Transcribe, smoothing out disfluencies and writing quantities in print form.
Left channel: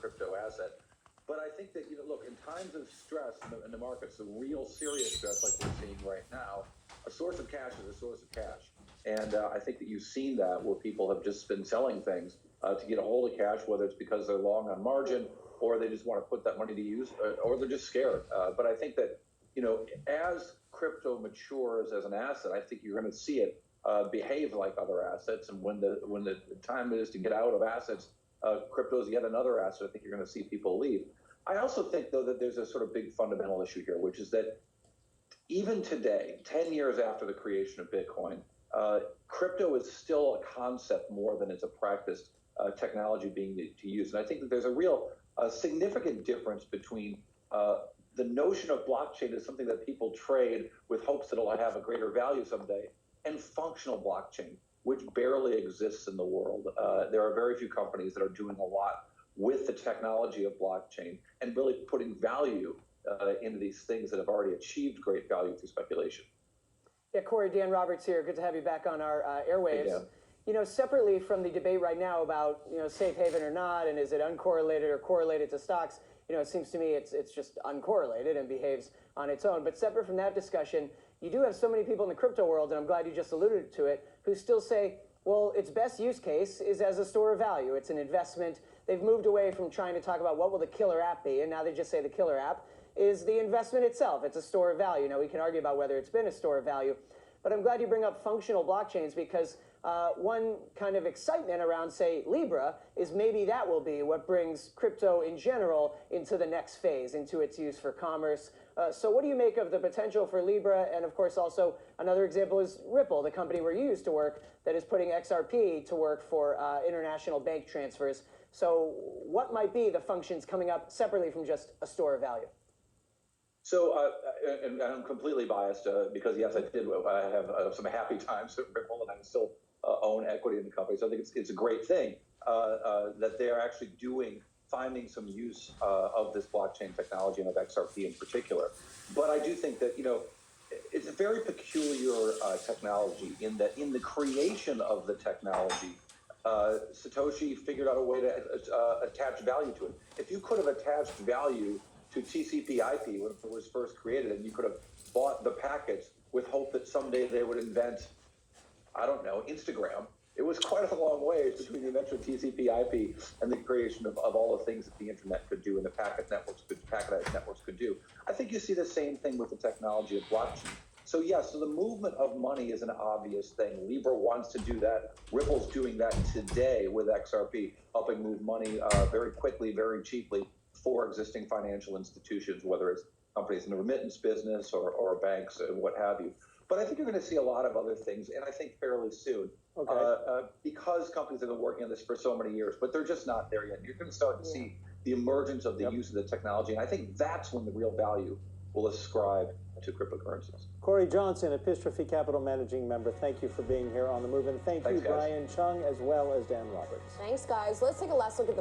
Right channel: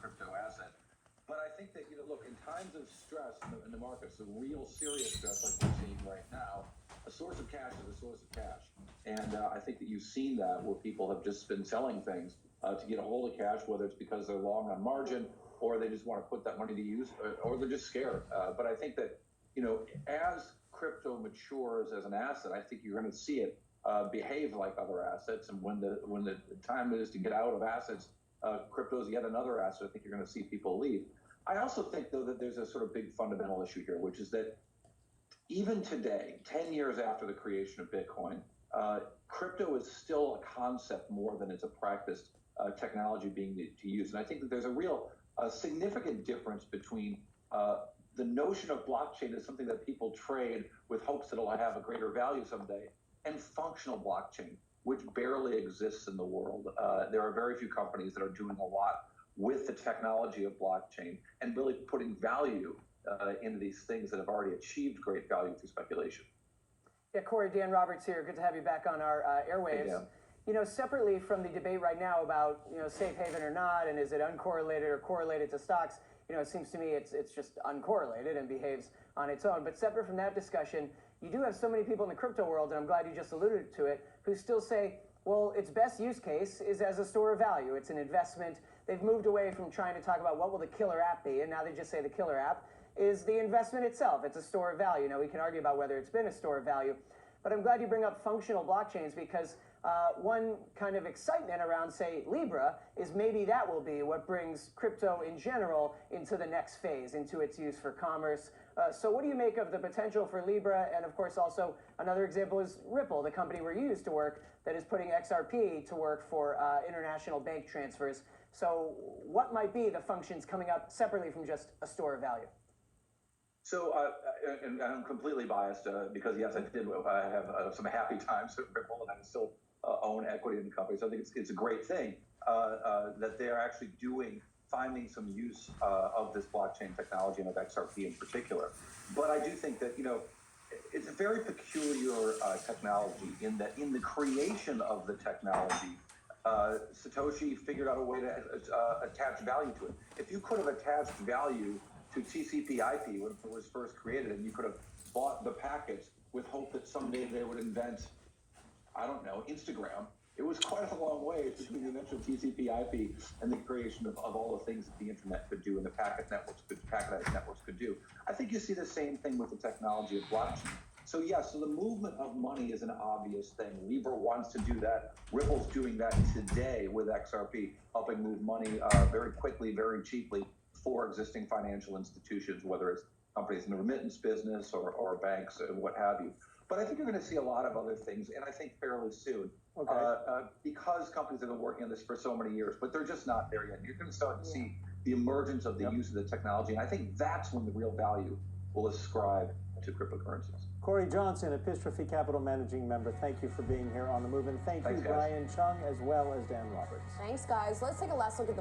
crypto asset. But I think that, look, in times of stress in the markets, the real serious stress like we're seeing right now, a source of cash is a source of cash. And I think that you've seen that where people have just been selling things to get a hold of cash, whether it's because they're long on margin or they just want to put that money to use, or they're just scared. But I think that, as crypto matures as an asset, I think you're going to see it behave like other assets. And when the time is to get out of assets, crypto is yet another asset. I think you're going to see people leave. I also think, though, that there's a sort of big fundamental issue here, which is that even today, 10 years after the creation of Bitcoin, crypto is still a concept more than it's a practiced technology being to use. And I think that there's a real significant difference between the notion of blockchain as something that people trade with hopes that it'll have a greater value someday, and functional blockchain, which barely exists in the world. There are very few companies that are doing a lot with the technology of blockchain and really putting value into these things that have already achieved great value through speculation. Yeah, Cory, Dan Roberts here. Good to have you back on our airwaves. Hey, separately from the debate right now about, safe haven or not, and is it uncorrelated or correlated to stocks, it seems to me it's just uncorrelated and behaves on its own. But separate from that discussion, you do have so many people in the crypto world, and I'm glad you just alluded to it, who still say, well, its best use case is as a store of value. It's an investment. They've moved away from trying to talk about what will the killer app be, and now they just say the killer app is the investment itself. It's a store of value. Now, we can argue about whether it's been a store of value, but I'm glad you bring up functional blockchains, because one kind of excitement around, say, Libra is maybe that will be what brings crypto in general into the next phase, into its use for commerce. So what do you make of the potential for Libra? And of course, also another example is Ripple, the company where you used to work, that is putting XRP to work for international bank transfers. So what might be the functions coming up separately from just a store of value? So, and I'm completely biased because, yes, I have some happy times at Ripple, and I still own equity in the company. So I think it's a great thing that they're actually finding some use of this blockchain technology and of XRP in particular. But I do think that, it's a very peculiar technology in that in the creation of the technology, Satoshi figured out a way to attach value to it. If you could have attached value to TCP/IP when it was first created, and you could have bought the packets with hope that someday they would invent, I don't know, Instagram. It was quite a long way between the invention of TCP/IP and the creation of all the things that the internet could do and the packetized networks could do. I think you see the same thing with the technology of blockchain. So yes, so the movement of money is an obvious thing. Libra wants to do that. Ripple's doing that today with XRP, helping move money very quickly, very cheaply for existing financial institutions, whether it's companies in the remittance business or banks and what have you. But I think you're going to see a lot of other things, and I think fairly soon, because companies have been working on this for so many years, but they're just not there yet. You're going to start to see the emergence of the use of the technology, and I think that's when the real value will ascribe to cryptocurrencies. Cory Johnson, Epistrophe Capital Managing Member, thank you for being here on The Move, and thank you, Brian Chung, as well as Dan Roberts. Thanks, guys. Let's take a last look at the